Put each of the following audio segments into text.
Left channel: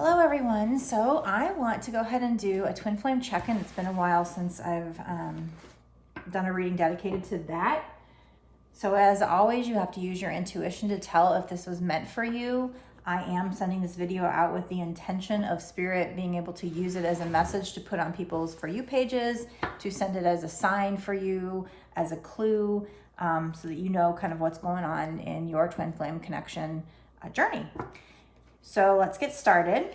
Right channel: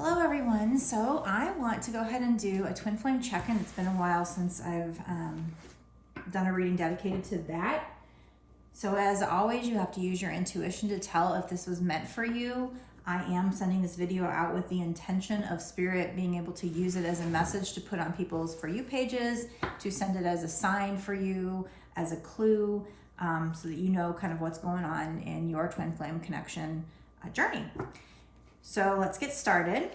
Hello everyone, so I want to go ahead and do a twin flame check-in. It's been a while since I've done a reading dedicated to that. So as always, you have to use your intuition to tell if this was meant for you. I am sending this video out with the intention of Spirit being able to use it as a message to put on people's For You pages, to send it as a sign for you, as a clue, so that you know kind of what's going on in your twin flame connection journey. So let's get started.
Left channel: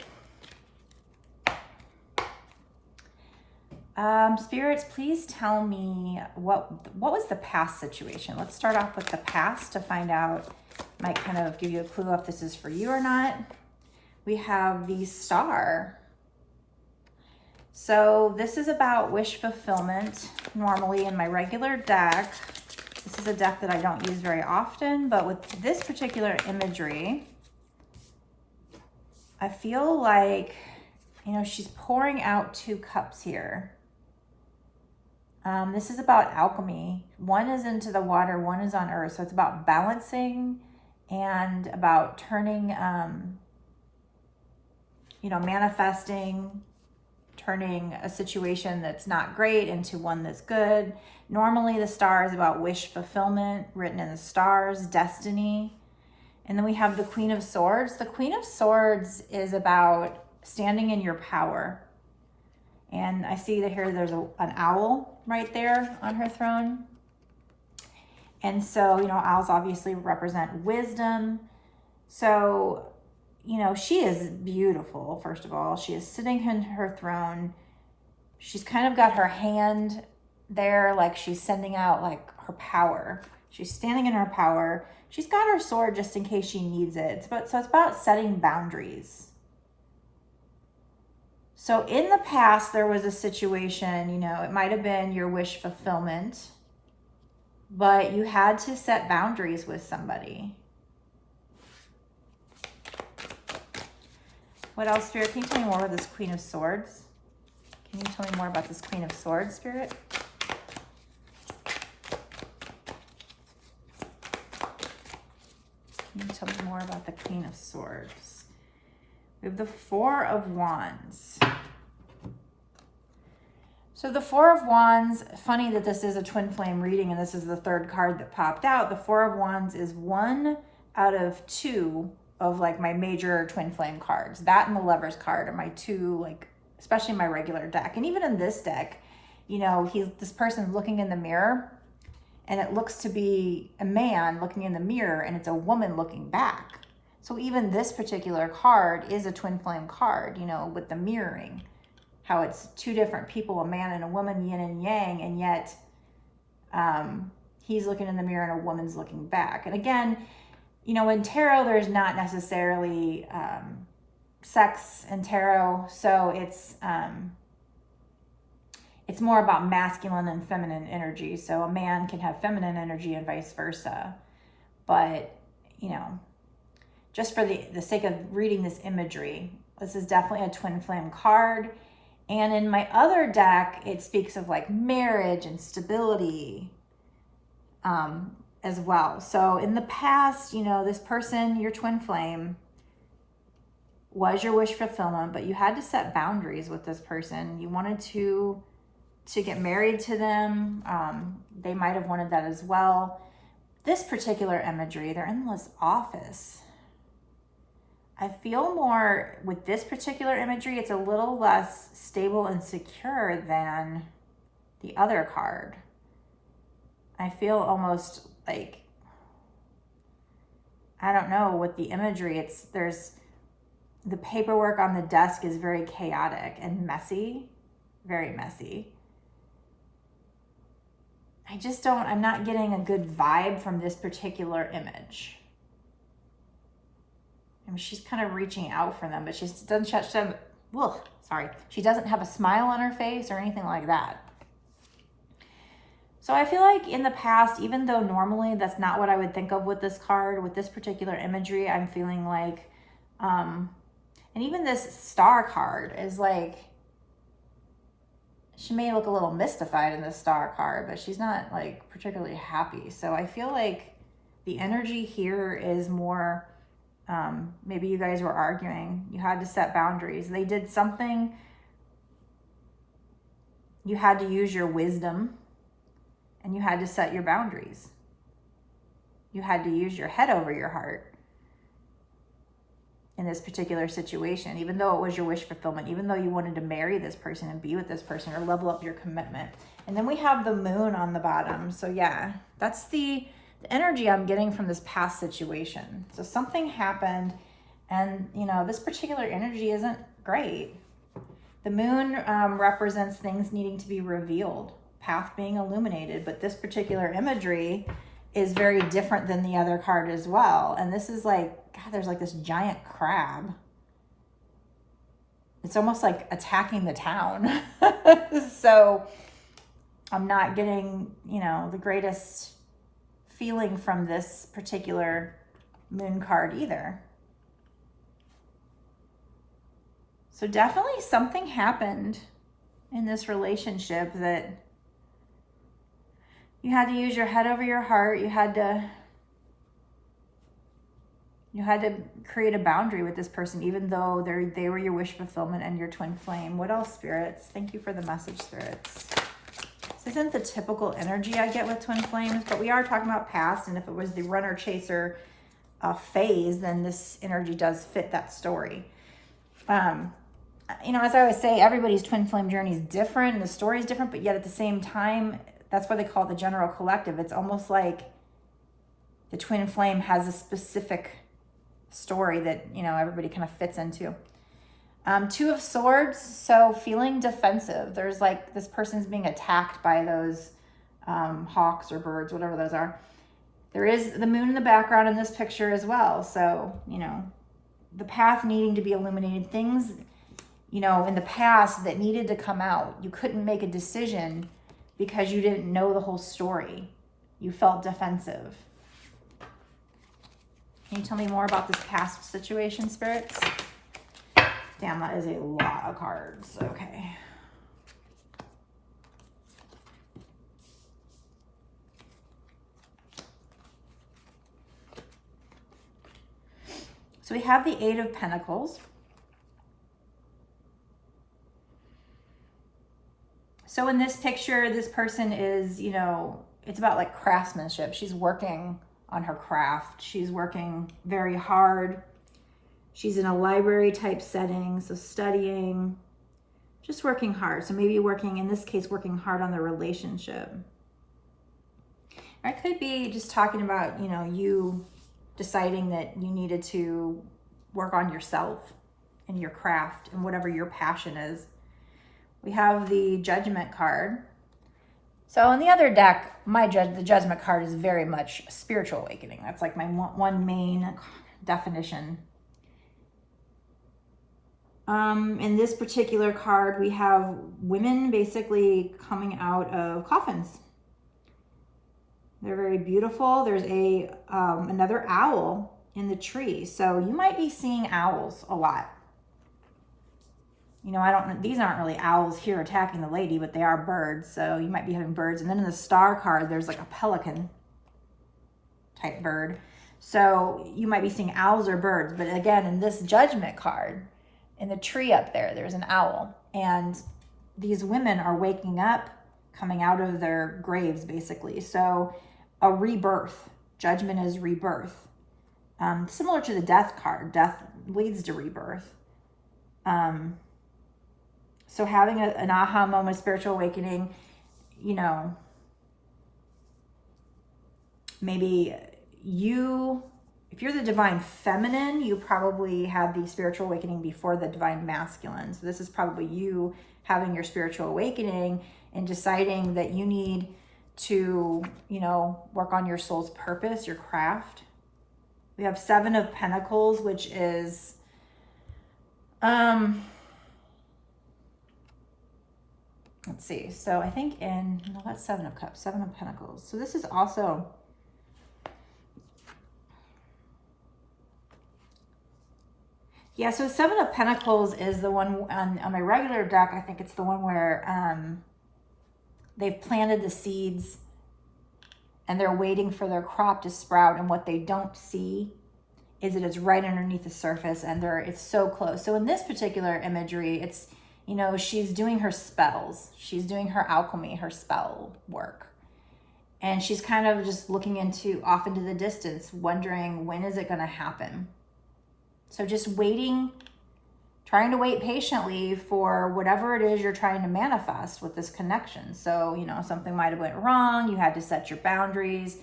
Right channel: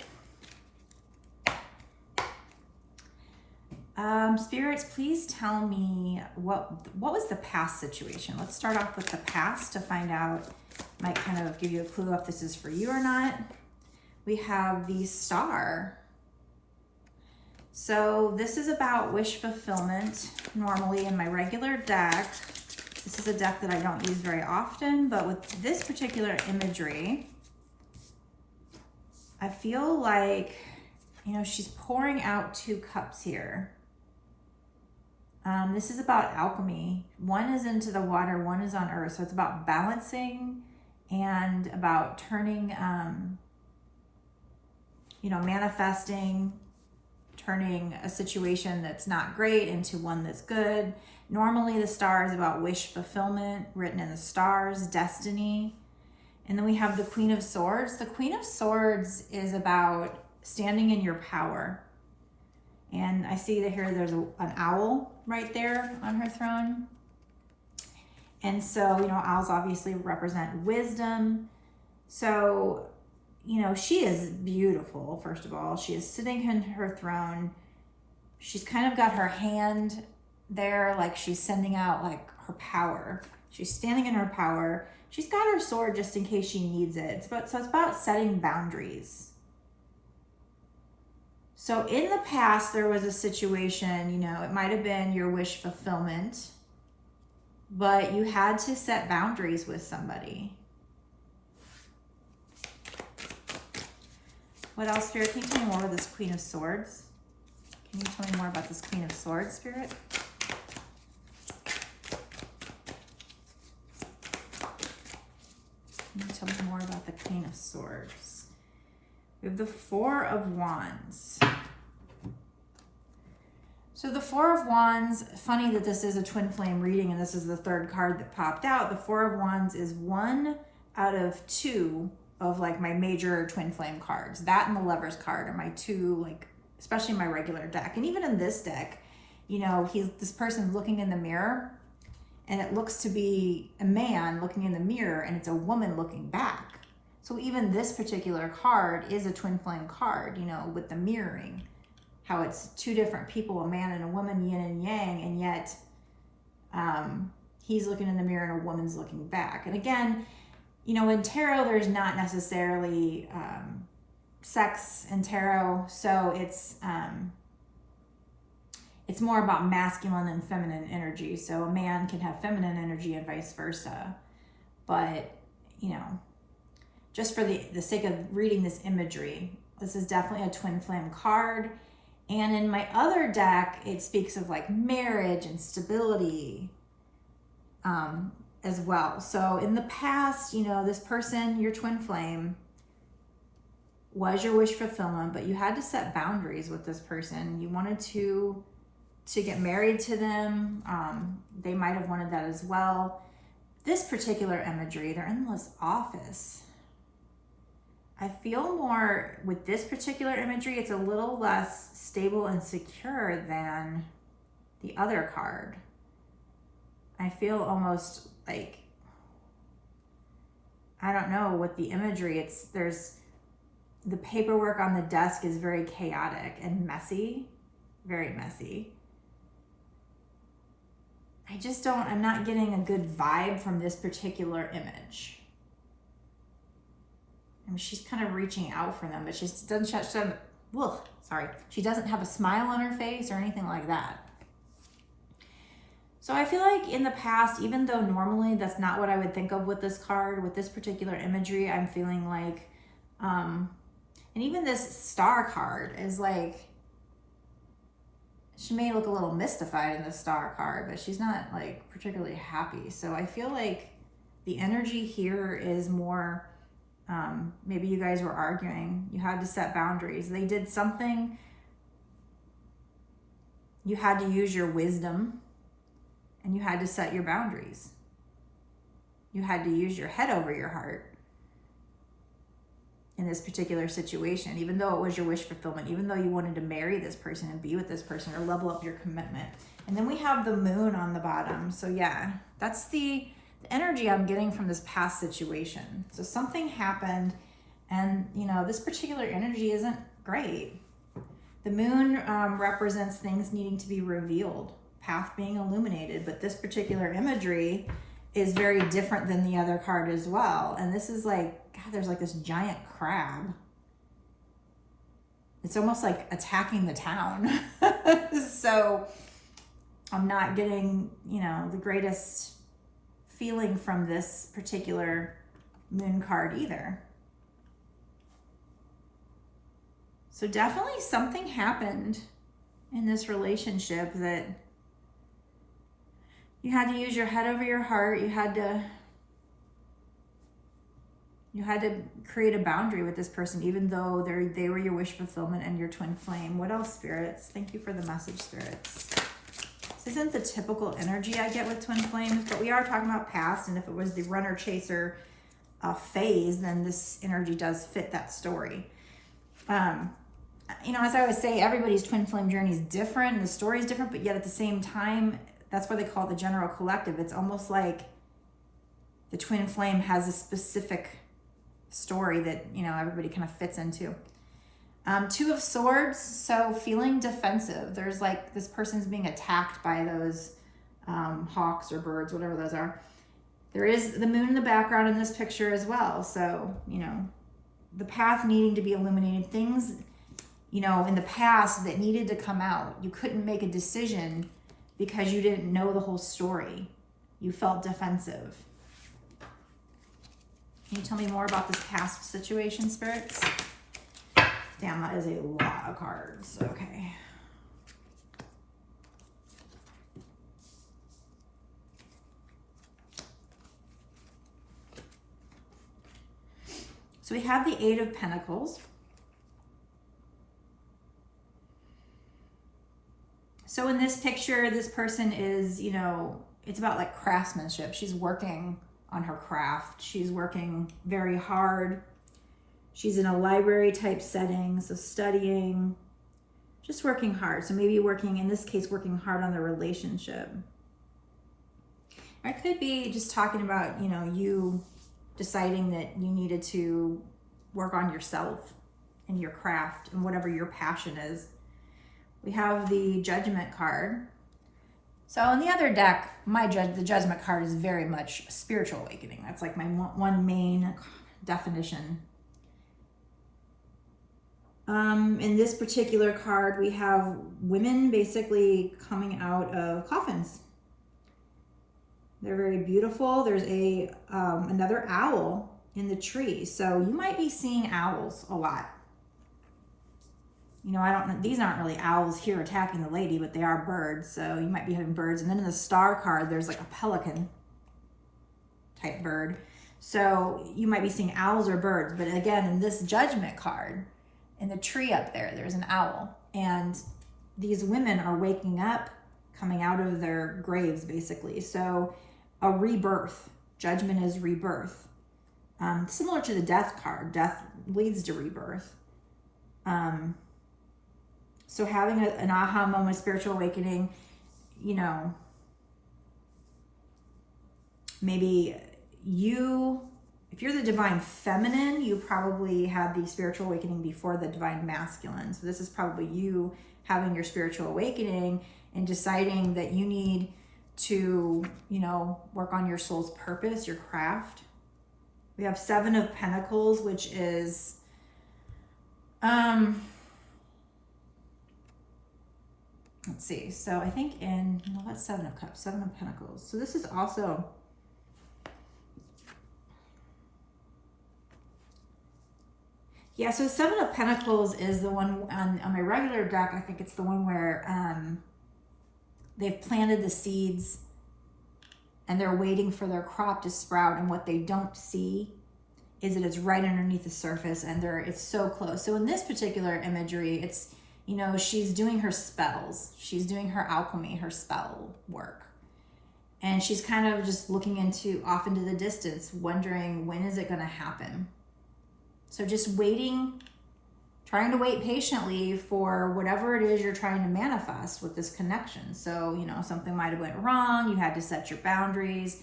Spirits, please tell me what was the past situation. Let's start off with the past to find out, might kind of give you a clue if this is for you or not. We have the Star. So this is about wish fulfillment. Normally in my regular deck, this is a deck that I don't use very often, but with this particular imagery, I feel like, you know, she's pouring out two cups here. This is about alchemy. One is into the water, one is on earth. So it's about balancing and about turning, you know, manifesting, turning a situation that's not great into one that's good. Normally the Star is about wish fulfillment, written in the stars, destiny. And then we have the Queen of Swords. The Queen of Swords is about standing in your power. And I see that here there's an owl right there on her throne. And so, you know, owls obviously represent wisdom. So, you know, she is beautiful, first of all. She is sitting in her throne. She's kind of got her hand there like she's sending out like her power. She's standing in her power. She's got her sword just in case she needs it. So it's about setting boundaries. So in the past, there was a situation, you know, it might have been your wish fulfillment, but you had to set boundaries with somebody. What else, Spirit? Can you tell me more about this Queen of Swords? Can you tell me more about this Queen of Swords, Spirit? Can you tell me more about the Queen of Swords? We have the Four of Wands. So the Four of Wands, funny that this is a twin flame reading and this is the third card that popped out. The Four of Wands is one out of two of like my major twin flame cards. That and the Lover's card are my two, like, especially my regular deck. And even in this deck, you know, this person's looking in the mirror and it looks to be a man looking in the mirror and it's a woman looking back. So even this particular card is a twin flame card, you know, with the mirroring. How it's two different people, a man and a woman, yin and yang, and yet he's looking in the mirror and a woman's looking back. And again, you know, in tarot, there's not necessarily sex in tarot, so it's more about masculine and feminine energy. So a man can have feminine energy and vice versa. But, you know, just for the sake of reading this imagery, this is definitely a twin flame card. And in my other deck, it speaks of like marriage and stability as well. So in the past, you know, this person, your twin flame, was your wish fulfillment, but you had to set boundaries with this person. You wanted to get married to them. They might have wanted that as well. This particular imagery, they're in this office. I feel more with this particular imagery, it's a little less stable and secure than the other card. I feel almost like, I don't know, with the imagery, there's the paperwork on the desk is very chaotic and messy, very messy. I'm not getting a good vibe from this particular image. I mean, she's kind of reaching out for them, but she doesn't she doesn't have a smile on her face or anything like that. So I feel like in the past, even though normally that's not what I would think of with this card, with this particular imagery, I'm feeling like, and even this Star card is like, she may look a little mystified in the Star card, but she's not like particularly happy. So I feel like the energy here is more Maybe you guys were arguing. You had to set boundaries. They did something. You had to use your wisdom and you had to set your boundaries. You had to use your head over your heart in this particular situation, even though it was your wish fulfillment, even though you wanted to marry this person and be with this person or level up your commitment. And then we have the moon on the bottom. So yeah, that's the energy I'm getting from this past situation. So something happened and, you know, this particular energy isn't great. The moon represents things needing to be revealed, path being illuminated, but this particular imagery is very different than the other card as well. And this is like, God, there's like this giant crab. It's almost like attacking the town. So I'm not getting, you know, the greatest feeling from this particular moon card either. So definitely something happened in this relationship that you had to use your head over your heart. You had to create a boundary with this person, even though they were your wish fulfillment and your twin flame. What else, spirits? Thank you for the message, spirits. This isn't the typical energy I get with twin flames, but we are talking about past, and if it was the runner chaser phase, then this energy does fit that story. You know, as I always say, everybody's twin flame journey is different, and the story is different, but yet at the same time, that's why they call it the general collective. It's almost like the twin flame has a specific story that, you know, everybody kind of fits into. Two of Swords, so feeling defensive. There's like this person's being attacked by those hawks or birds, whatever those are. There is the moon in the background in this picture as well. So, you know, the path needing to be illuminated, things, you know, in the past that needed to come out. You couldn't make a decision because you didn't know the whole story. You felt defensive. Can you tell me more about this past situation, spirits? Damn, that is a lot of cards. Okay. So we have the Eight of Pentacles. So in this picture, this person is, you know, it's about like craftsmanship. She's working on her craft. She's working very hard. She's in a library type setting, so studying, just working hard. So maybe working, in this case, working hard on the relationship. Or it could be just talking about, you know, you deciding that you needed to work on yourself and your craft and whatever your passion is. We have the Judgment card. So in the other deck, the Judgment card is very much spiritual awakening. That's like my one main definition. In this particular card, we have women basically coming out of coffins. They're very beautiful. There's another owl in the tree. So you might be seeing owls a lot. You know, these aren't really owls here attacking the lady, but they are birds. So you might be having birds. And then in the star card, there's like a pelican type bird. So you might be seeing owls or birds. But again, in this Judgment card, in the tree up there, there's an owl. And these women are waking up, coming out of their graves, basically. So a rebirth. Judgment is rebirth. Similar to the Death card. Death leads to rebirth. So having an aha moment, spiritual awakening, you know, maybe if you're the divine feminine, you probably had the spiritual awakening before the divine masculine. So this is probably you having your spiritual awakening and deciding that you need to, you know, work on your soul's purpose, your craft. We have Seven of Pentacles, which is, let's see. So I think that's Seven of Cups, Seven of Pentacles. So this is also, yeah, so Seven of Pentacles is the one on my regular deck. I think it's the one where they've planted the seeds and they're waiting for their crop to sprout, and what they don't see is that it's right underneath the surface and it's so close. So in this particular imagery, it's, you know, she's doing her spells. She's doing her alchemy, her spell work. And she's kind of just looking off into the distance, wondering, when is it going to happen? So just waiting, trying to wait patiently for whatever it is you're trying to manifest with this connection. So, you know, something might have went wrong. You had to set your boundaries.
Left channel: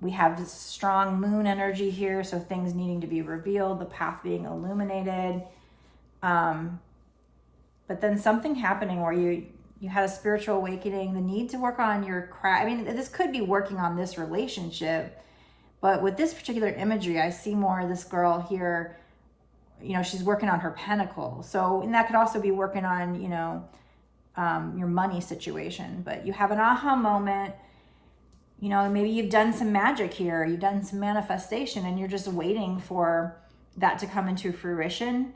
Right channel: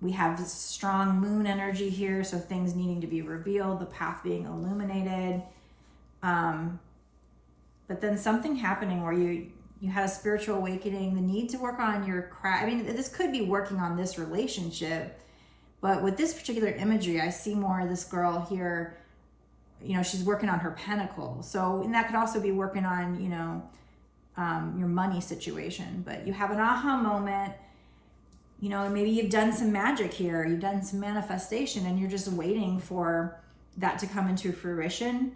We have this strong moon energy here, so things needing to be revealed, the path being illuminated. But then something happening where you had a spiritual awakening, the need to work on your craft. I mean, this could be working on this relationship, but with this particular imagery, I see more of this girl here, you know, she's working on her Pentacles. So, and that could also be working on, you know, your money situation. But you have an aha moment, you know, and maybe you've done some magic here, you've done some manifestation, and you're just waiting for that to come into fruition.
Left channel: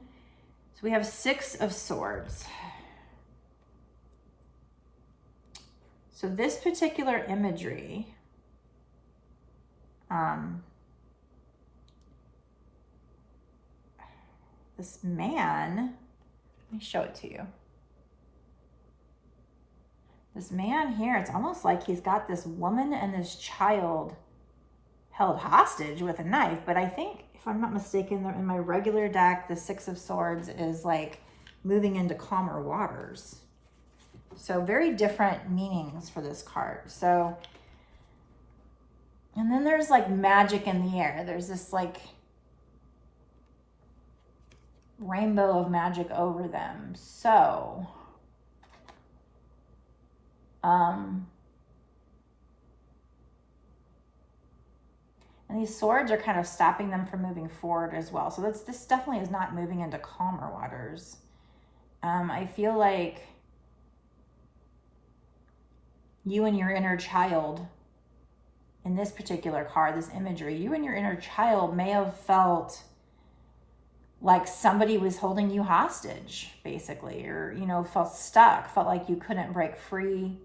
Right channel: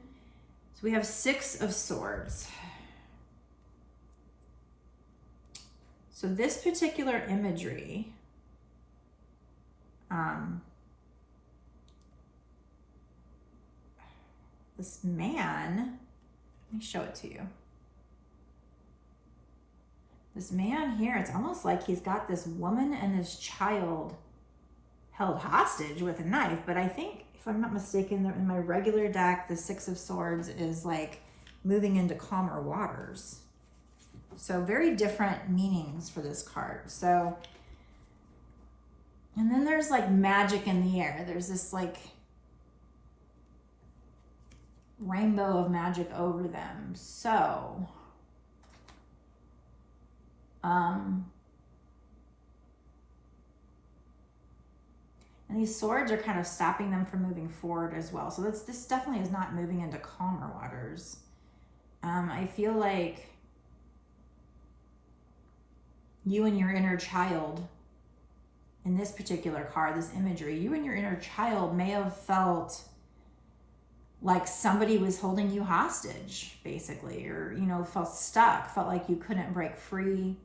So we have 6 of Swords. So this particular imagery, this man, let me show it to you. This man here, it's almost like he's got this woman and this child held hostage with a knife. But I think, if I'm not mistaken, in my regular deck, the 6 of Swords is like moving into calmer waters. So very different meanings for this card. So, and then there's like magic in the air. There's this like rainbow of magic over them. So, and these swords are kind of stopping them from moving forward as well. So this definitely is not moving into calmer waters. I feel like you and your inner child, in this particular card, this imagery, you and your inner child may have felt like somebody was holding you hostage, basically, or, you know, felt stuck, felt like you couldn't break free.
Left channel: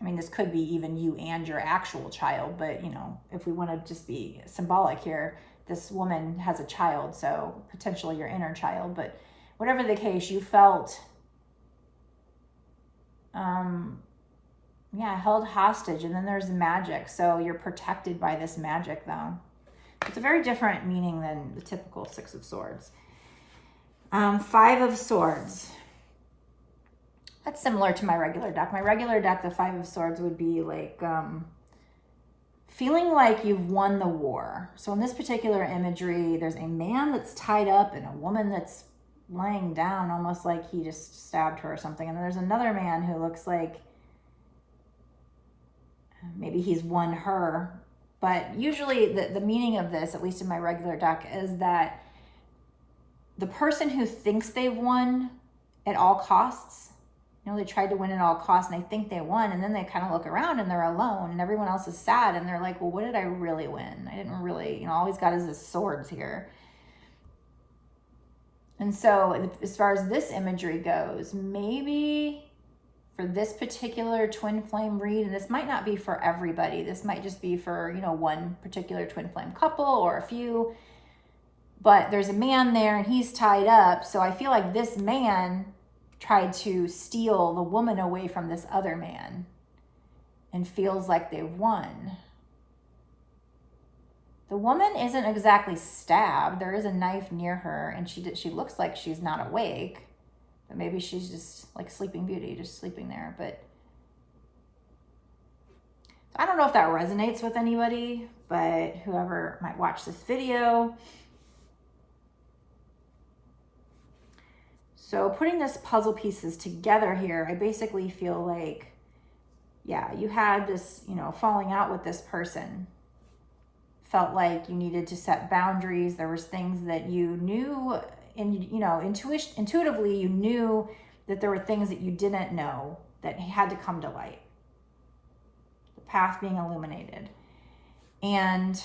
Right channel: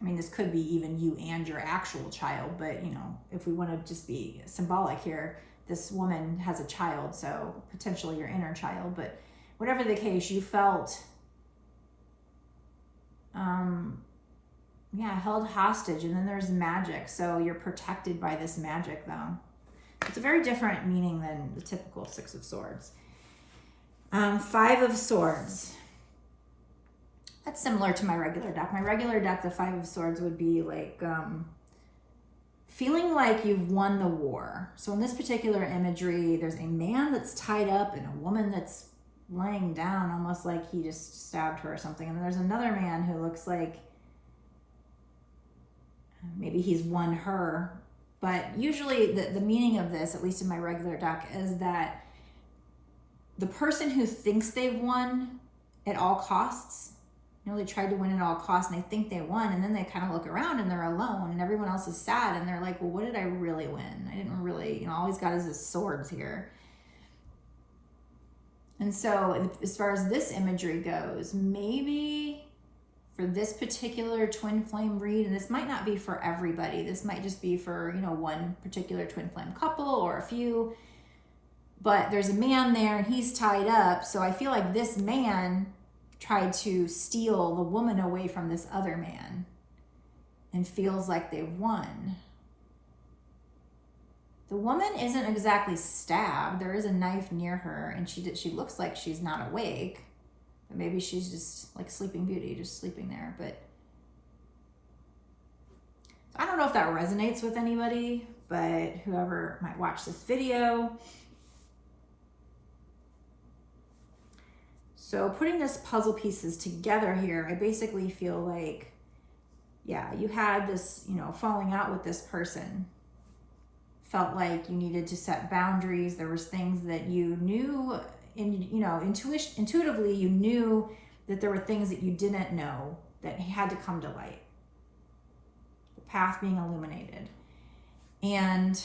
I mean, this could be even you and your actual child, but, you know, if we want to just be symbolic here, this woman has a child, so potentially your inner child. But whatever the case, you felt, held hostage, and then there's magic. So you're protected by this magic, though. It's a very different meaning than the typical 6 of Swords. 5 of Swords. That's similar to my regular deck. My regular deck, the 5 of Swords, would be like feeling like you've won the war. So in this particular imagery, there's a man that's tied up and a woman that's laying down, almost like he just stabbed her or something. And then there's another man who looks like maybe he's won her. But usually the meaning of this, at least in my regular deck, is that the person who thinks they've won at all costs, you know, they tried to win at all costs and they think they won, and then they kind of look around and they're alone and everyone else is sad and they're like, well, what did I really win? I didn't really, you know, all he's got is his swords here. And so as far as this imagery goes, maybe for this particular twin flame read, and this might not be for everybody, this might just be for, you know, one particular twin flame couple or a few, but there's a man there and he's tied up. So I feel like this man tried to steal the woman away from this other man and feels like they've won. The woman isn't exactly stabbed. There is a knife near her, and she looks like she's not awake. But maybe she's just like Sleeping Beauty, just sleeping there. But I don't know if that resonates with anybody, but whoever might watch this video. So putting this puzzle pieces together here, I basically feel like, yeah, you had this, you know, falling out with this person. Felt like you needed to set boundaries. There was things that you knew, and, you know, intuitively you knew that there were things that you didn't know that had to come to light. The path being illuminated. And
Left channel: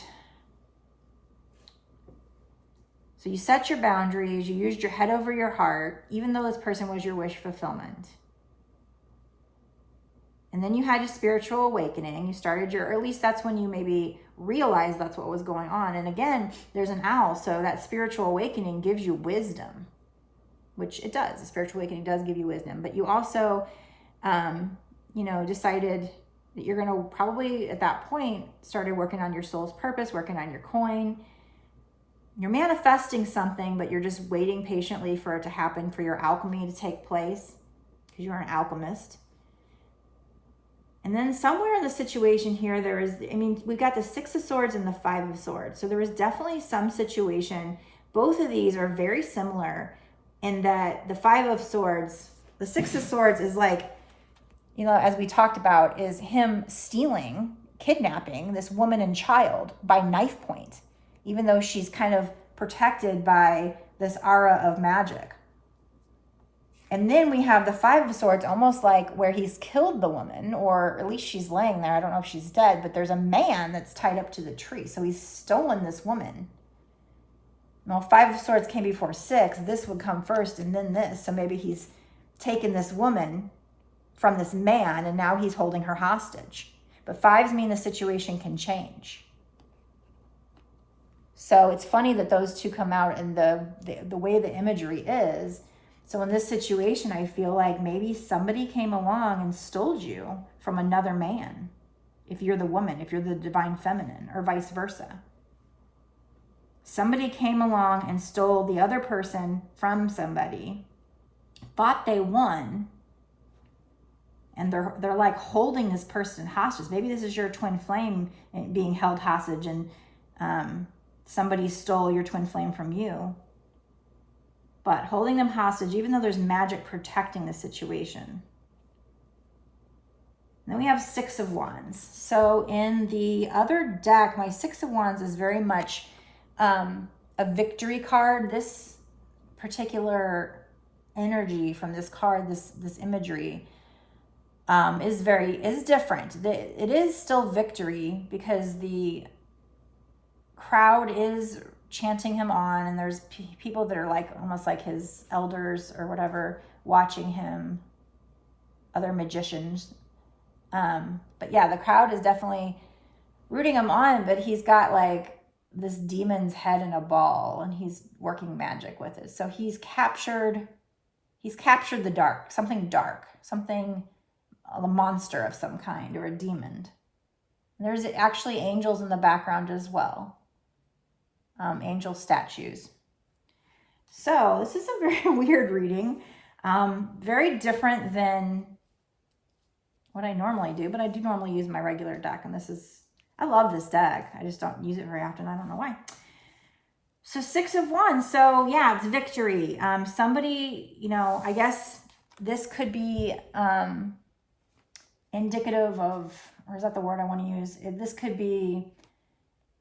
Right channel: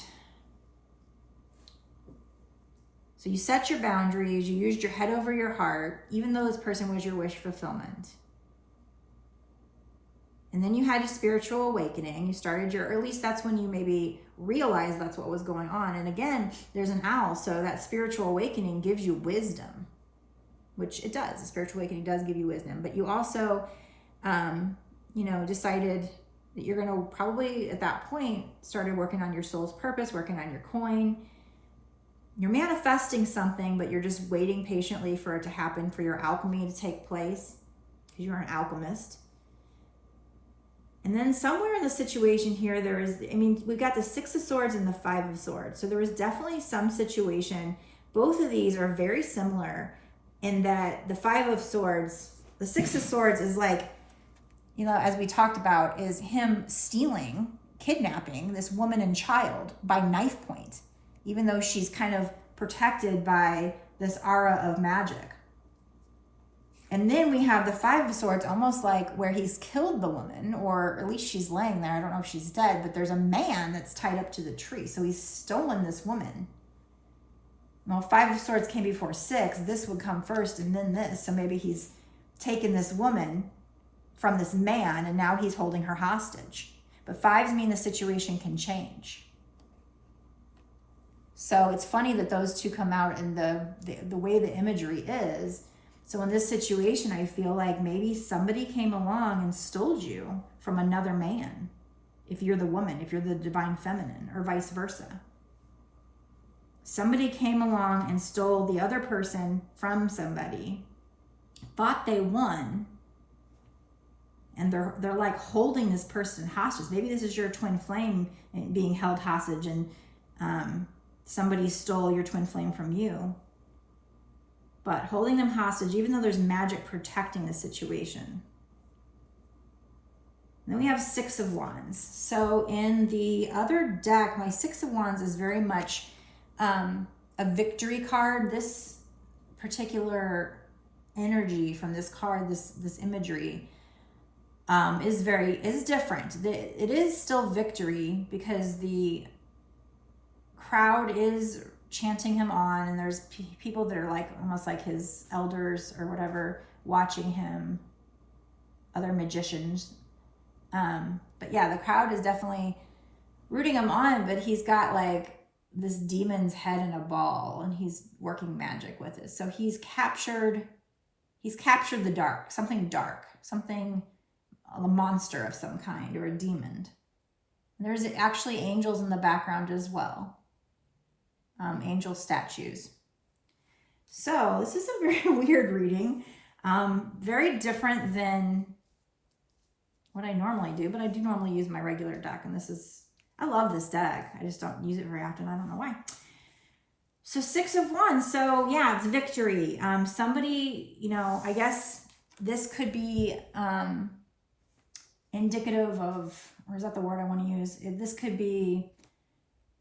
so you set your boundaries, you used your head over your heart, even though this person was your wish fulfillment. And then you had a spiritual awakening. You started or at least that's when you maybe realize that's what was going on. And again, there's an owl, so that spiritual awakening gives you wisdom, which it does. The spiritual awakening does give you wisdom, but you also, you know, decided that you're going to probably at that point started working on your soul's purpose, working on your coin. You're manifesting something, but you're just waiting patiently for it to happen, for your alchemy to take place, because you're an alchemist. And then somewhere in the situation here, there is, I mean, we've got the Six of Swords and the Five of Swords. So there is definitely some situation. Both of these are very similar in that the Five of Swords, the Six of Swords is like, you know, as we talked about, is him stealing, kidnapping this woman and child by knife point, even though she's kind of protected by this aura of magic. And then we have the Five of Swords, almost like where he's killed the woman, or at least she's laying there. I don't know if she's dead, but there's a man that's tied up to the tree. So he's stolen this woman. Well, Five of Swords came before Six. This would come first and then this. So maybe he's taken this woman from this man and now he's holding her hostage. But fives mean the situation can change. So it's funny that those two come out and the way the imagery is. So in this situation, I feel like maybe somebody came along and stole you from another man. If you're the woman, if you're the divine feminine, or vice versa. Somebody came along and stole the other person from somebody, thought they won, and they're like holding this person hostage. Maybe this is your twin flame being held hostage, and somebody stole your twin flame from you. But holding them hostage, even though there's magic protecting the situation. Then we have Six of Wands. So in the other deck, my Six of Wands is very much a victory card. This particular energy from this card, this imagery, is different. It is still victory because the crowd is chanting him on, and there's people that are like almost like his elders or whatever watching him, other magicians. But yeah, the crowd is definitely rooting him on, but he's got like this demon's head in a ball and he's working magic with it. So he's captured the dark, something, a monster of some kind or a demon. And there's actually angels in the background as well. Angel statues. So this is a very weird reading. Very different than what I normally do, but I do normally use my regular deck, and I love this deck. I just don't use it very often. I don't know why. So Six of Wands. So yeah, it's victory. Somebody, you know, I guess this could be indicative of, or is that the word I want to use? This could be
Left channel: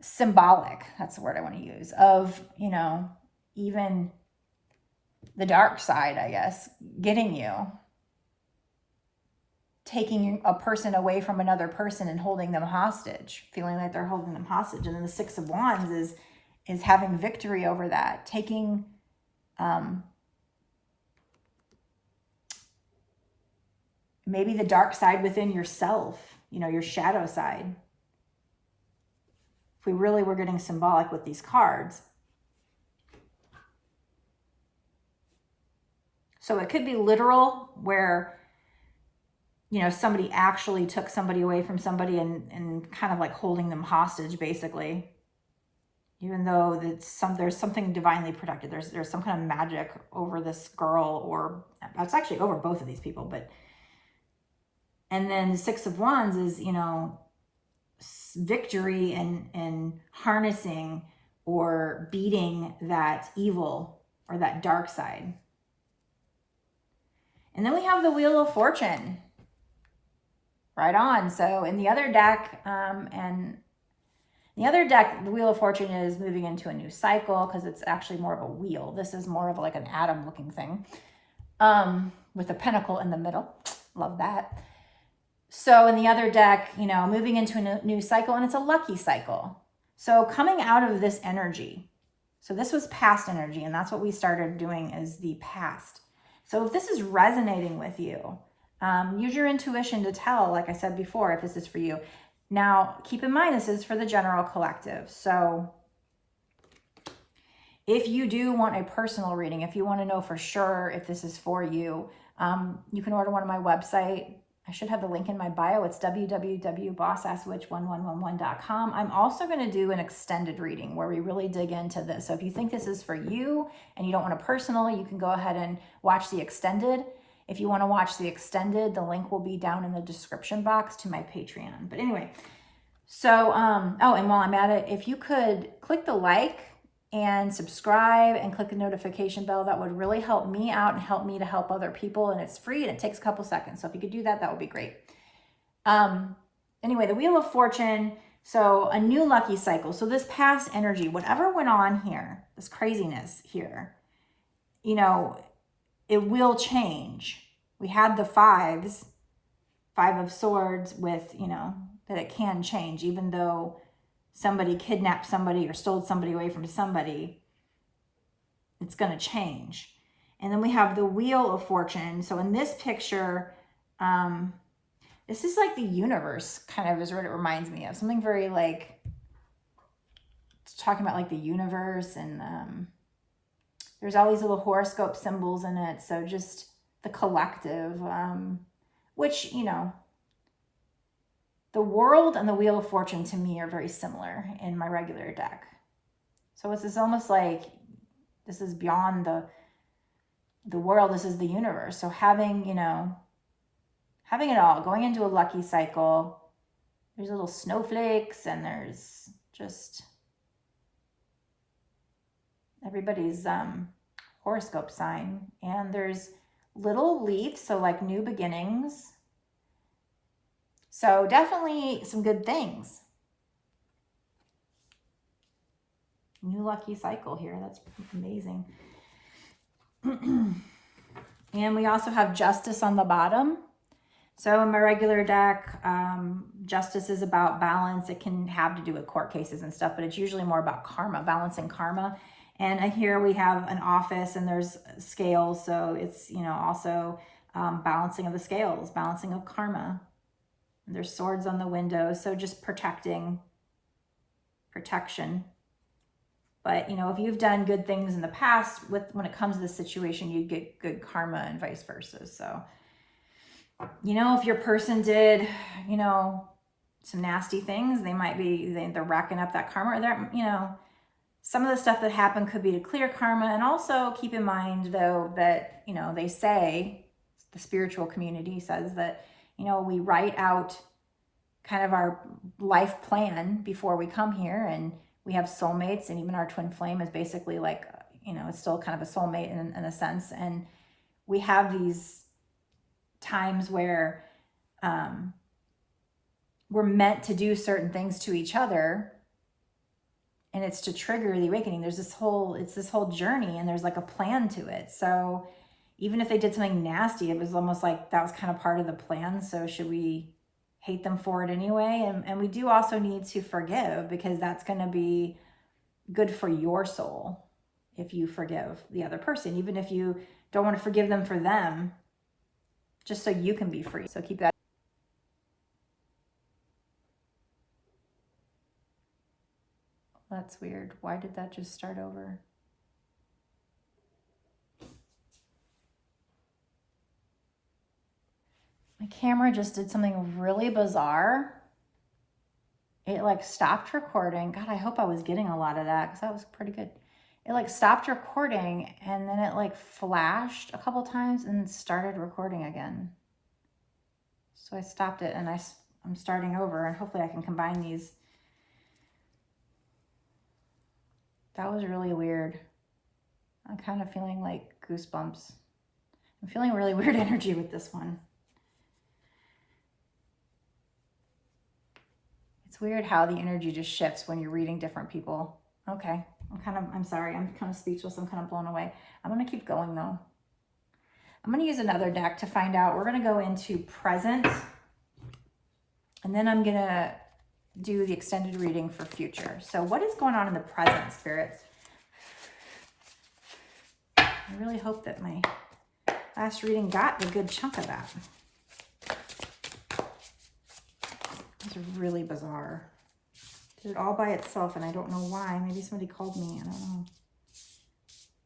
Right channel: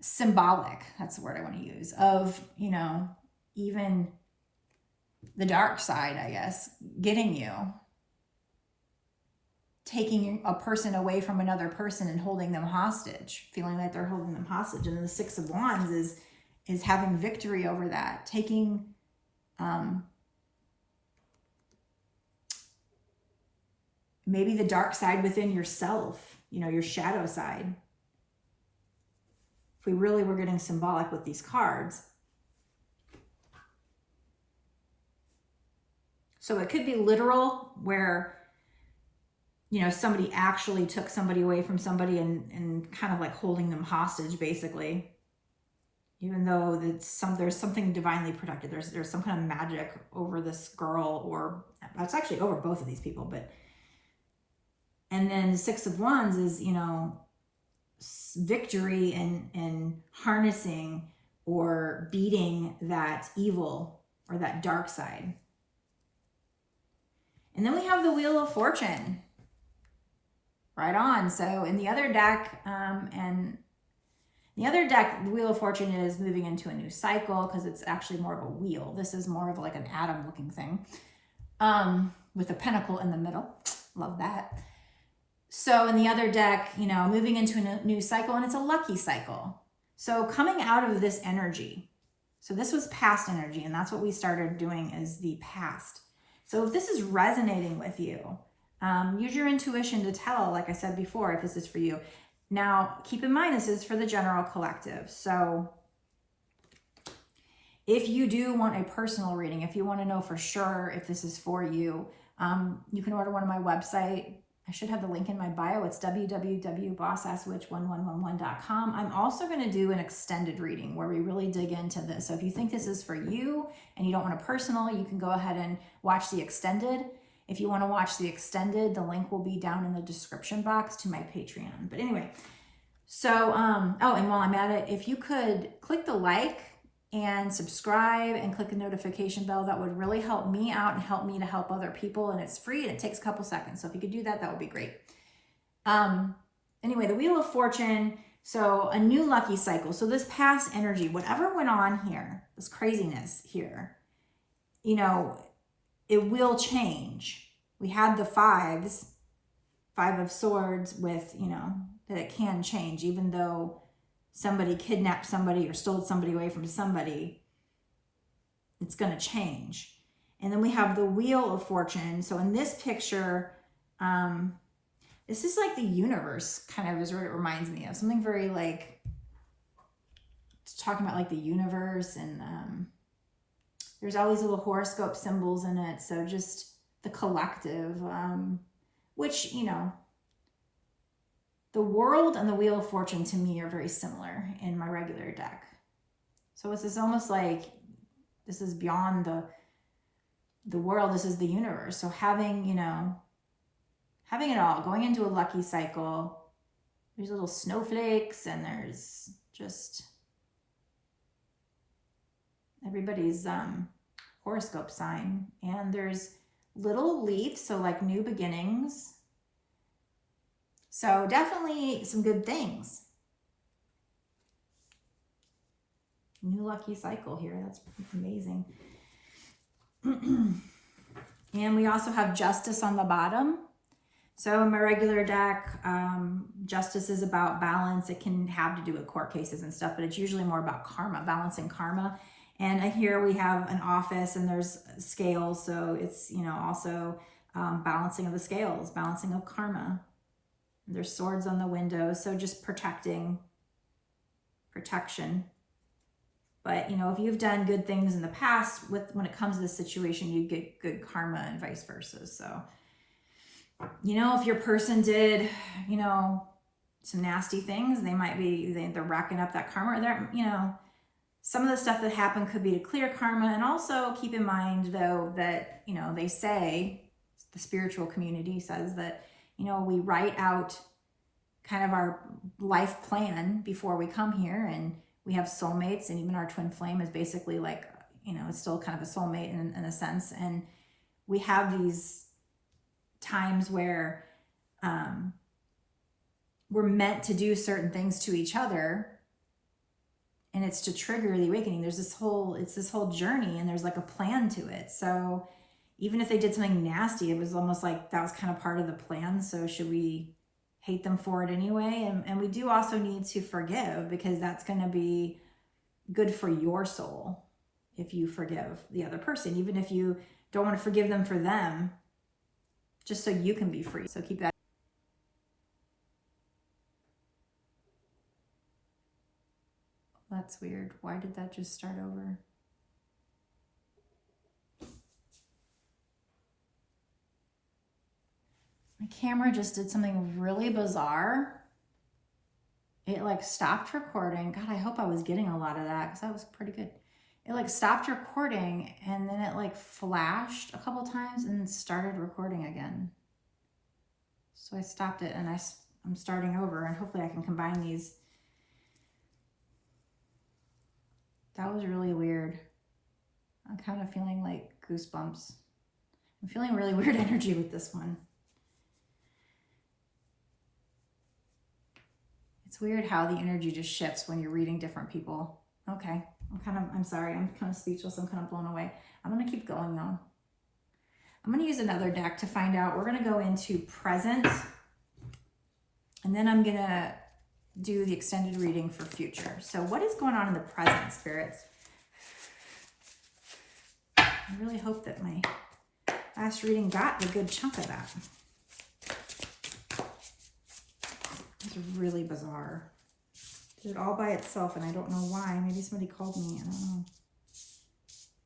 symbolic, that's the word I want to use, of, you know, even the dark side, I guess, getting you, taking a person away from another person and holding them hostage, feeling like they're holding them hostage. And then the Six of Wands is having victory over that, taking maybe the dark side within yourself, you know, your shadow side. If we really were getting symbolic with these cards. So it could be literal, where, you know, somebody actually took somebody away from somebody and kind of like holding them hostage, basically. Even though there's something divinely protected. There's some kind of magic over this girl, or it's actually over both of these people. But and then the Six of Wands is, you know, victory and harnessing or beating that evil or that dark side. And then we have the Wheel of Fortune. Right on. So in the other deck, the Wheel of Fortune is moving into a new cycle because it's actually more of a wheel. This is more of like an atom looking thing with a pentacle in the middle. Love that. So in the other deck, you know, moving into a new cycle, and it's a lucky cycle. So coming out of this energy. So this was past energy, and that's what we started doing, is the past. So if this is resonating with you, use your intuition to tell, like I said before, if this is for you. Now, keep in mind, this is for the general collective. So if you do want a personal reading, if you want to know for sure if this is for you, you can order one on my website. I should have the link in my bio. It's www.bossasswitch1111.com. I'm also going to do an extended reading where we really dig into this. So if you think this is for you and you don't want a personal, you can go ahead and watch the extended. If you want to watch the extended, the link will be down in the description box to my Patreon. But anyway, so, oh, and while I'm at it, if you could click the like and subscribe and click the notification bell, that would really help me out and help me to help other people. And it's free and it takes a couple seconds. So if you could do that, that would be great. Anyway, the Wheel of Fortune. So a new lucky cycle. So this past energy, whatever went on here, this craziness here, you know, it will change. We had the Five of Swords with, you know, that it can change, even though somebody kidnapped somebody or stole somebody away from somebody, it's going to change. And then we have the Wheel of Fortune. So in this picture, this is like the universe kind of is what it reminds me of. Something very like, it's talking about like the universe, and there's all these little horoscope symbols in it. So just the collective, which, you know, the World and the Wheel of Fortune to me are very similar in my regular deck. So it's almost like this is beyond the world, this is the universe. So having, you know, having it all, going into a lucky cycle, there's little snowflakes and there's just everybody's horoscope sign. And there's little leaves, so like new beginnings. So definitely some good things. New lucky cycle here. That's amazing. And we also have Justice on the bottom. So in my regular deck, Justice is about balance. It can have to do with court cases and stuff, but it's usually more about karma, balancing karma. And here we have an office and there's scales. So it's, you know, also balancing of the scales, balancing of karma. There's swords on the windows, so just protection. But, you know, if you've done good things in the past, when it comes to this situation, you get good karma and vice versa. So, you know, if your person did, you know, some nasty things, they might be, they're racking up that karma. They're, you know, some of the stuff that happened could be to clear karma. And also keep in mind, though, that, you know, they say, the spiritual community says that, you know, we write out kind of our life plan before we come here, and we have soulmates, and even our twin flame is basically like, you know, it's still kind of a soulmate in a sense. And we have these times where we're meant to do certain things to each other, and it's to trigger the awakening. There's this whole journey, and there's like a plan to it. So even if they did something nasty, it was almost like that was kind of part of the plan. So should we hate them for it anyway? And we do also need to forgive, because that's going to be good for your soul if you forgive the other person, even if you don't want to forgive them for them, just so you can be free. So keep that. That's weird. Why did that just start over? My camera just did something really bizarre. It like stopped recording. God, I hope I was getting a lot of that, because that was pretty good. It like stopped recording, and then it like flashed a couple times and started recording again. So I stopped it, and I'm starting over, and hopefully I can combine these. That was really weird. I'm kind of feeling like goosebumps. I'm feeling really weird energy with this one. It's weird how the energy just shifts when you're reading different people. Okay, I'm sorry, I'm kind of speechless. I'm kind of blown away. I'm gonna keep going though. I'm gonna use another deck to find out. We're gonna go into present, and then I'm gonna do the extended reading for future. So what is going on in the present, spirits? I really hope that my last reading got a good chunk of that. It's really bizarre. Did it all by itself, and I don't know why. Maybe somebody called me. I don't know.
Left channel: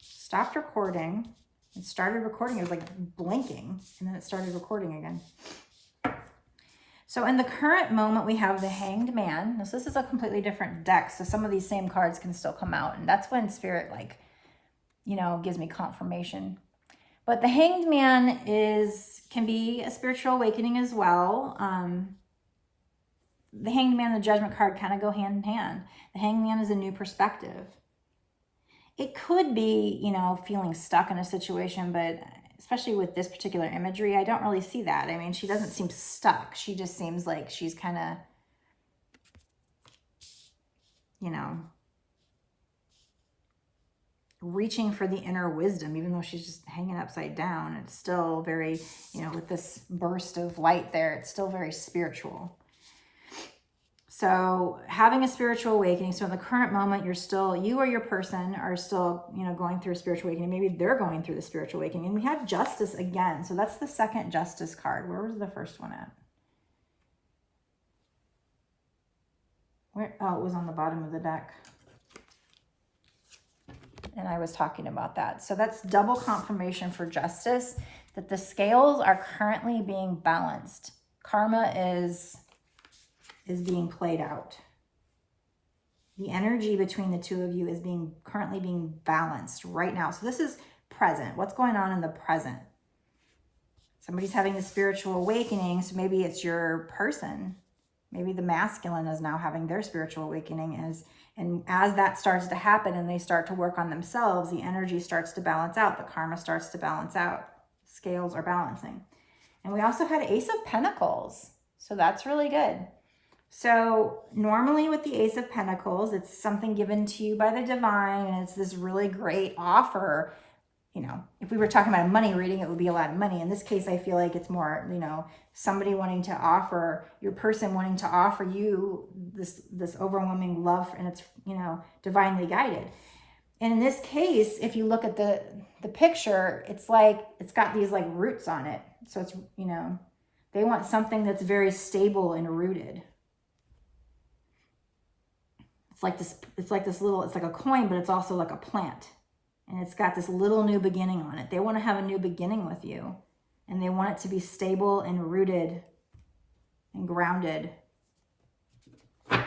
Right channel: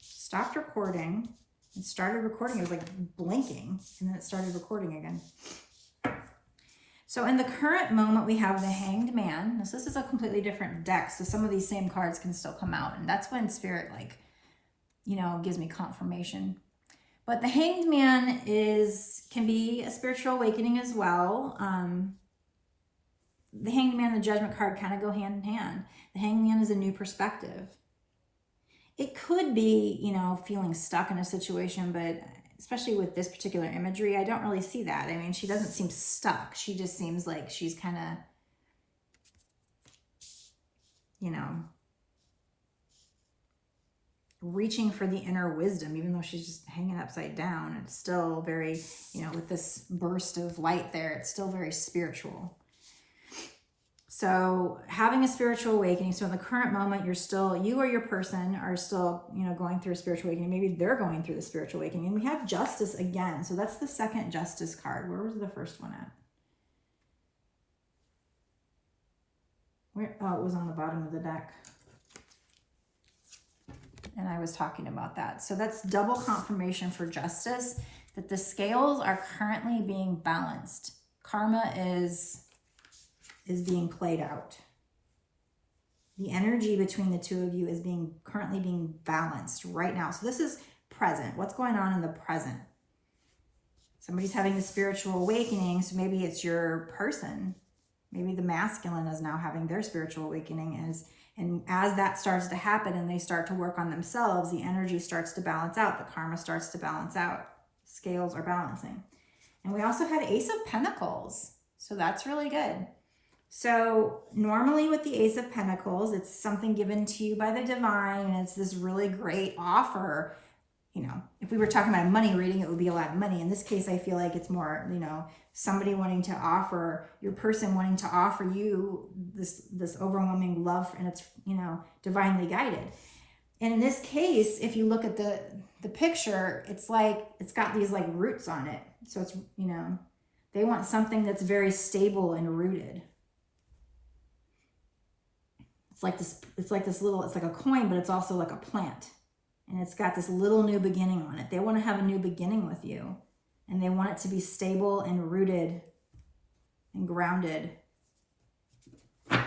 Stopped recording and started recording. It was like blinking, and then it started recording again. So in the current moment, we have the Hanged Man. This is a completely different deck, so some of these same cards can still come out, and that's when Spirit, like, you know, gives me confirmation. But the Hanged Man can be a spiritual awakening as well. The Hanged Man and the Judgment card kind of go hand in hand. The Hanged Man is a new perspective. It could be, you know, feeling stuck in a situation, but especially with this particular imagery, I don't really see that. I mean, she doesn't seem stuck. She just seems like she's kind of, you know, reaching for the inner wisdom, even though she's just hanging upside down. It's still very, you know, with this burst of light there, it's still very spiritual. So having a spiritual awakening. So in the current moment, you or your person are still, you know, going through a spiritual awakening. Maybe they're going through the spiritual awakening. And we have Justice again. So that's the second Justice card. Where was the first one at? Oh, it was on the bottom of the deck. And I was talking about that. So that's double confirmation for Justice, that the scales are currently being balanced. Karma is being played out. The energy between the two of you is currently being balanced right now. So this is present. What's going on in the present? Somebody's having a spiritual awakening. So maybe it's your person. Maybe the masculine is now having their spiritual awakening. And as that starts to happen and they start to work on themselves, the energy starts to balance out. The karma starts to balance out. Scales are balancing. And we also had Ace of Pentacles. So that's really good. So normally with the Ace of Pentacles, it's something given to you by the divine, and it's this really great offer. You know, if we were talking about a money reading, it would be a lot of money. In this case, I feel like it's more, you know, somebody wanting to offer, your person wanting to offer you this overwhelming love, and it's, you know, divinely guided. And in this case, if you look at the picture, it's like, it's got these like roots on it. So it's, you know, they want something that's very stable and rooted. It's like a coin, but it's also like a plant. And it's got this little new beginning on it. They want to have a new beginning with you. And they want it to be stable and rooted and grounded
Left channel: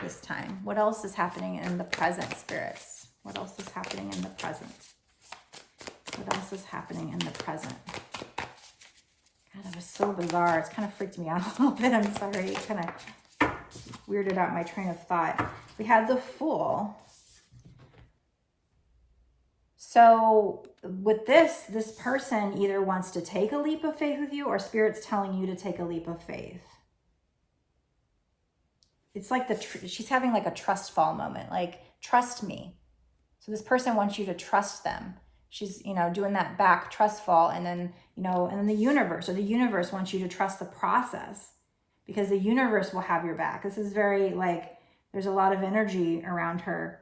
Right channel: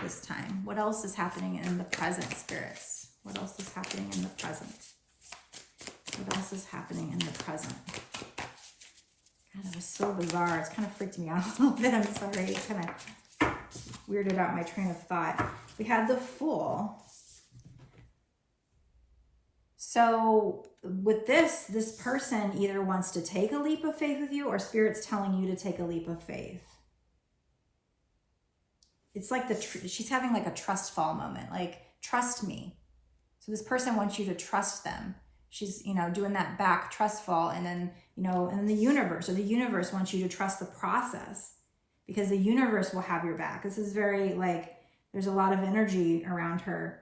this time. What else is happening in the present, spirits? What else is happening in the present? What else is happening in the present? God, that was so bizarre. It's kind of freaked me out a little bit. I'm sorry. It kind of weirded out my train of thought. We had the Fool. So with this person either wants to take a leap of faith with you, or Spirit's telling you to take a leap of faith. It's like she's having like a trust fall moment, like, trust me. So this person wants you to trust them. She's, you know, doing that back trust fall, and then, you know, and then the universe wants you to trust the process, because the universe will have your back. This is very like, there's a lot of energy around her,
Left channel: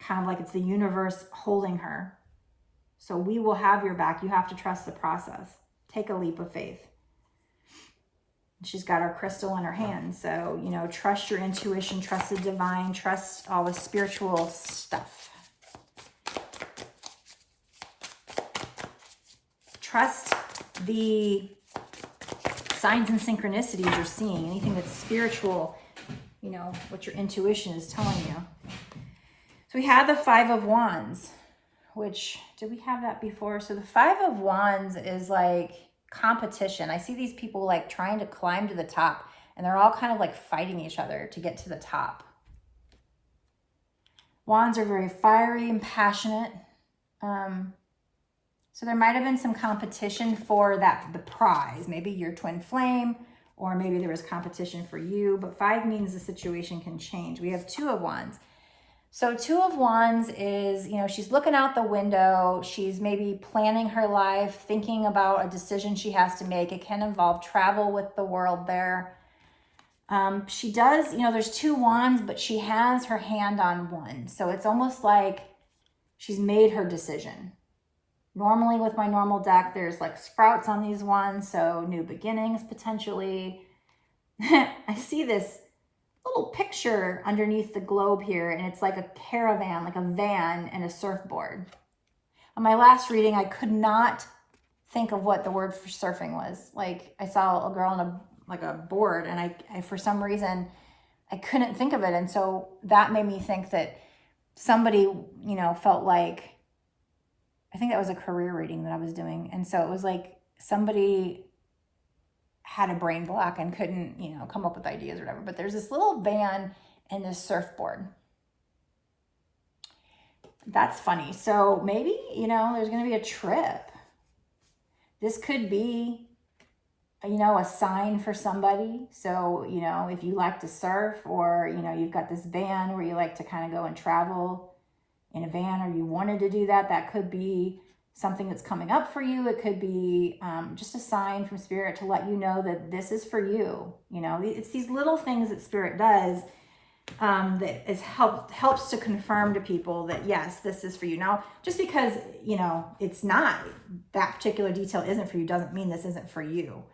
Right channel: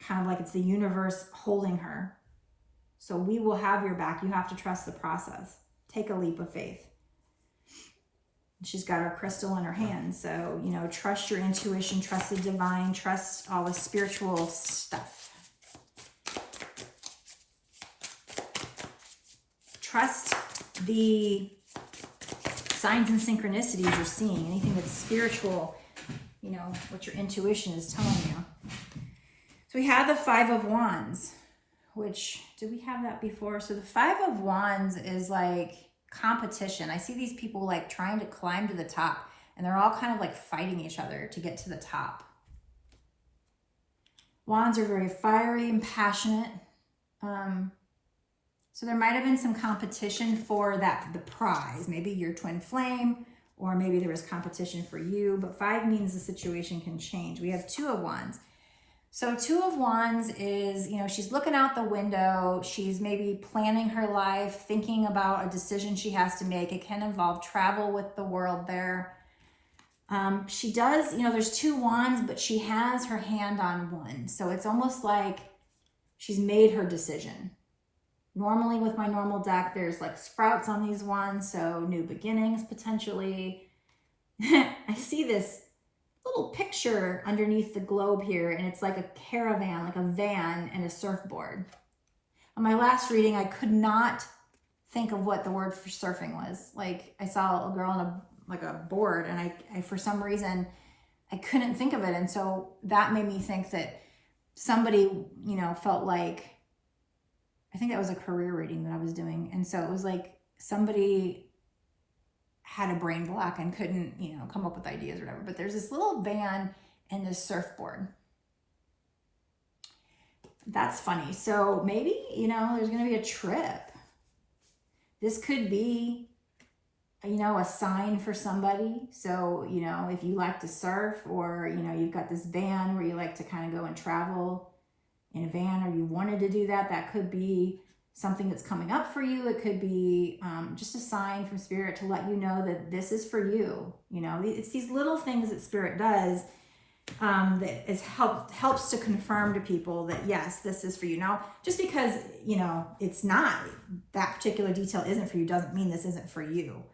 kind of like it's the universe holding her. So we will have your back. You have to trust the process. Take a leap of faith. She's got her crystal in her hand. So, you know, trust your intuition, trust the divine, trust all the spiritual stuff. Trust the signs and synchronicities you're seeing, anything that's spiritual, you know, what your intuition is telling you. So we had the Five of Wands, which, did we have that before? So the Five of Wands is like competition. I see these people like trying to climb to the top, and they're all kind of like fighting each other to get to the top. Wands are very fiery and passionate. So there might have been some competition for the prize. Maybe your twin flame, or maybe there was competition for you, but 5 means the situation can change. We have Two of Wands. So Two of Wands is, you know, she's looking out the window. She's maybe planning her life, thinking about a decision she has to make. It can involve travel with the world there. She does, you know, there's 2 wands, but she has her hand on one. So it's almost like she's made her decision. Normally with my normal deck, there's like sprouts on these ones. So new beginnings potentially. I see this little picture underneath the globe here, and it's like a caravan, like a van and a surfboard. On my last reading, I could not think of what the word for surfing was. Like, I saw a girl on a board, and I for some reason I couldn't think of it, and so that made me think that somebody, you know, felt like, I think that was a career reading that I was doing, and so it was like somebody had a brain block and couldn't, you know, come up with ideas or whatever. But there's this little van and this surfboard. That's funny. So maybe, you know, there's going to be a trip. This could be, you know, a sign for somebody. So, you know, if you like to surf, or, you know, you've got this van where you like to kind of go and travel in a van, or you wanted to do that, that could be something that's coming up for you. It could be just a sign from Spirit to let you know that this is for you. You know, it's these little things that Spirit does that is helps to confirm to people that yes, this is for you. Now, just because, you know, it's not, that particular detail isn't for you, doesn't mean this isn't for you,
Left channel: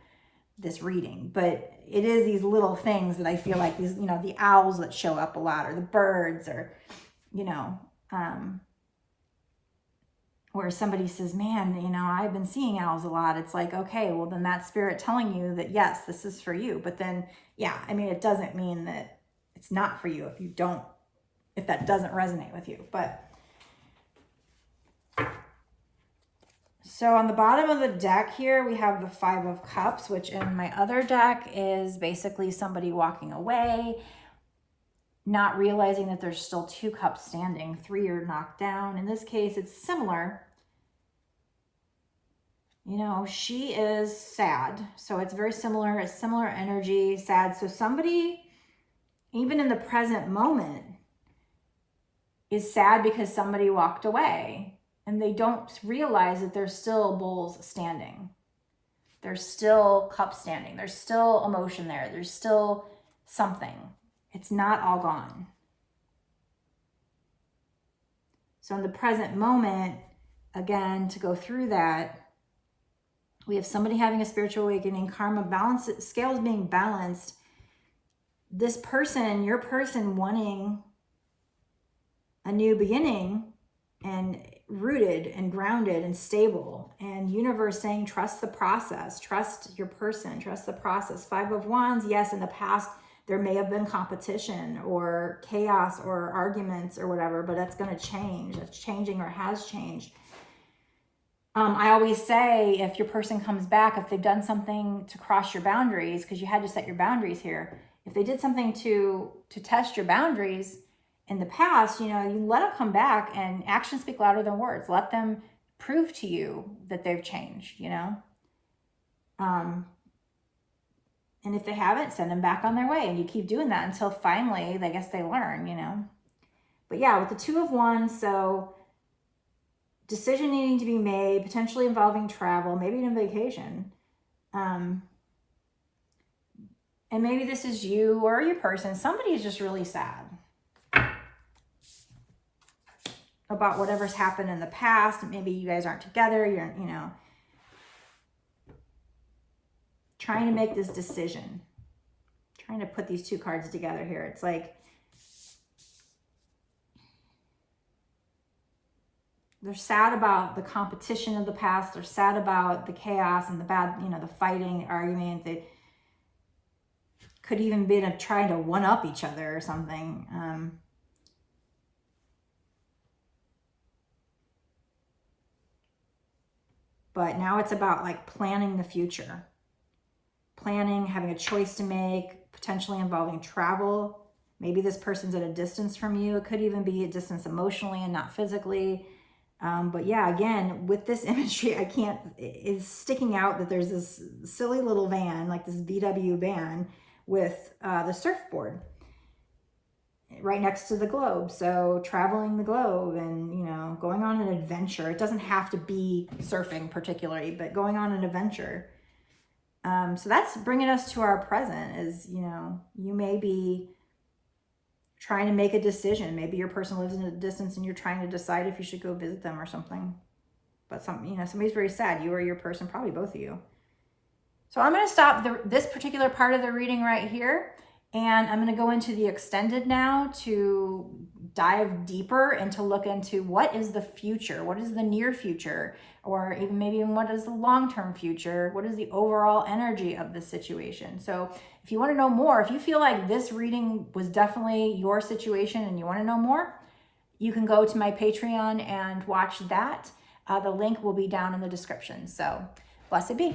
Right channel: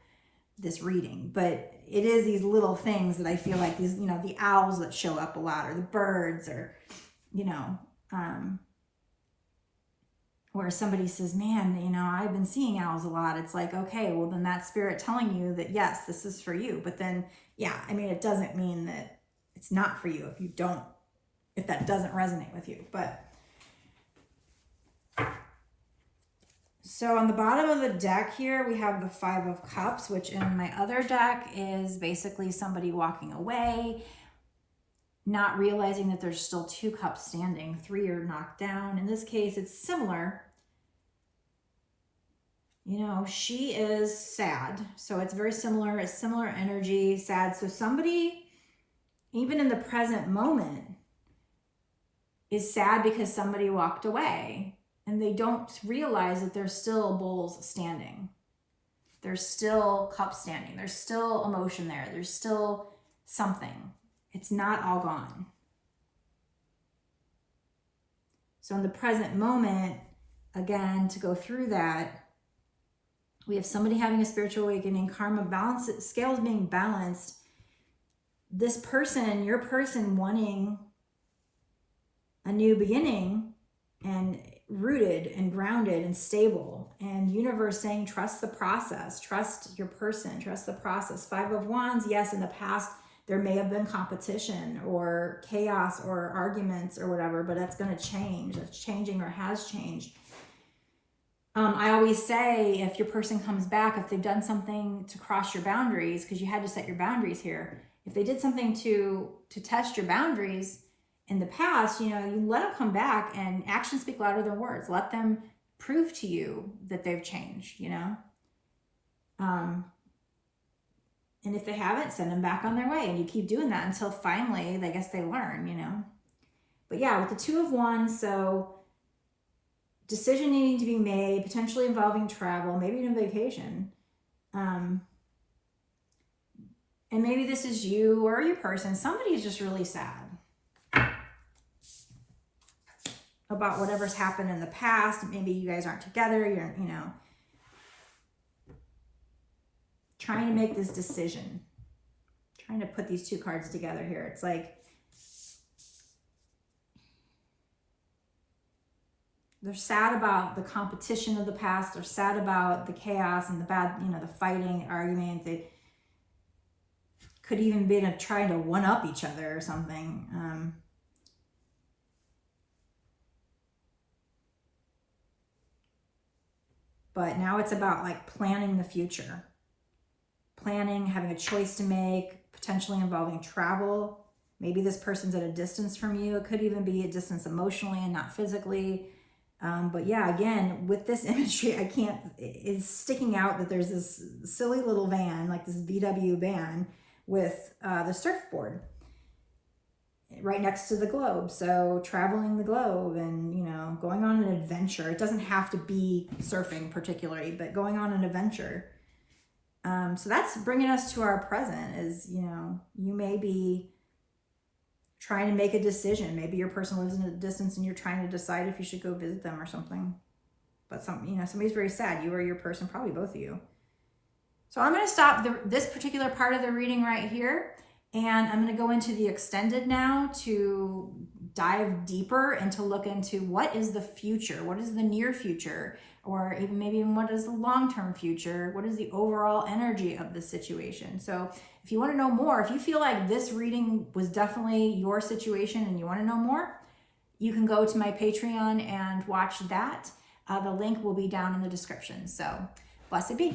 this reading. But it is these little things that I feel like, these, you know, the owls that show up a lot, or the birds, or, you know, where somebody says, man, you know, I've been seeing owls a lot. It's like, okay, well then that's Spirit telling you that yes, this is for you. But then, yeah, I mean, it doesn't mean that it's not for you if that doesn't resonate with you. But so on the bottom of the deck here, we have the 5 of Cups, which in my other deck is basically somebody walking away, not realizing that there's still 2 cups standing, 3 are knocked down. In this case, it's similar. You know, she is sad. So it's very similar, a similar energy, sad. So somebody, even in the present moment, is sad because somebody walked away, and they don't realize that there's still bowls standing. There's still cups standing. There's still emotion there. There's still something. It's not all gone. So in the present moment, again, to go through that, we have somebody having a spiritual awakening, karma balance, scales being balanced. This person, your person, wanting a new beginning, and rooted and grounded and stable, and universe saying, trust the process, trust your person, trust the process. 5 of Wands, yes, in the past, there may have been competition or chaos or arguments or whatever, but that's going to change. That's changing, or has changed. I always say, if your person comes back, if they've done something to cross your boundaries, because you had to set your boundaries here, if they did something to test your boundaries in the past, you know, you let them come back, and actions speak louder than words. Let them prove to you that they've changed, you know. And if they haven't, send them back on their way, and you keep doing that until finally, I guess, they learn, you know. But yeah, with the 2 of Wands, so decision needing to be made, potentially involving travel, maybe even vacation. And maybe this is you or your person. Somebody's just really sad about whatever's happened in the past. Maybe you guys aren't together. You're, you know, trying to make this decision. Trying to put these 2 cards together here. It's like they're sad about the competition of the past. They're sad about the chaos and the bad, you know, the fighting, argument. They could even be trying to one-up each other or something. But now it's about like planning the future. Planning, having a choice to make, potentially involving travel. Maybe this person's at a distance from you. It could even be a distance emotionally and not physically. But yeah, again, with this imagery, it's sticking out that there's this silly little van, like this VW van with the surfboard right next to the globe. So traveling the globe and, you know, going on an adventure. It doesn't have to be surfing particularly, but going on an adventure. So that's bringing us to our present is, you know, you may be trying to make a decision. Maybe your person lives in a distance and you're trying to decide if you should go visit them or something. But you know, somebody's very sad, you or your person, probably both of you. So I'm going to stop this particular part of the reading right here, and I'm going to go into the extended now to dive deeper and to look into what is the future, what is the near future, or even maybe what is the long-term future, what is the overall energy of the situation. So if you want to know more, if you feel like this reading was definitely your situation and you want to know more, you can go to my Patreon and watch that. The link will be down in the description. So blessed be.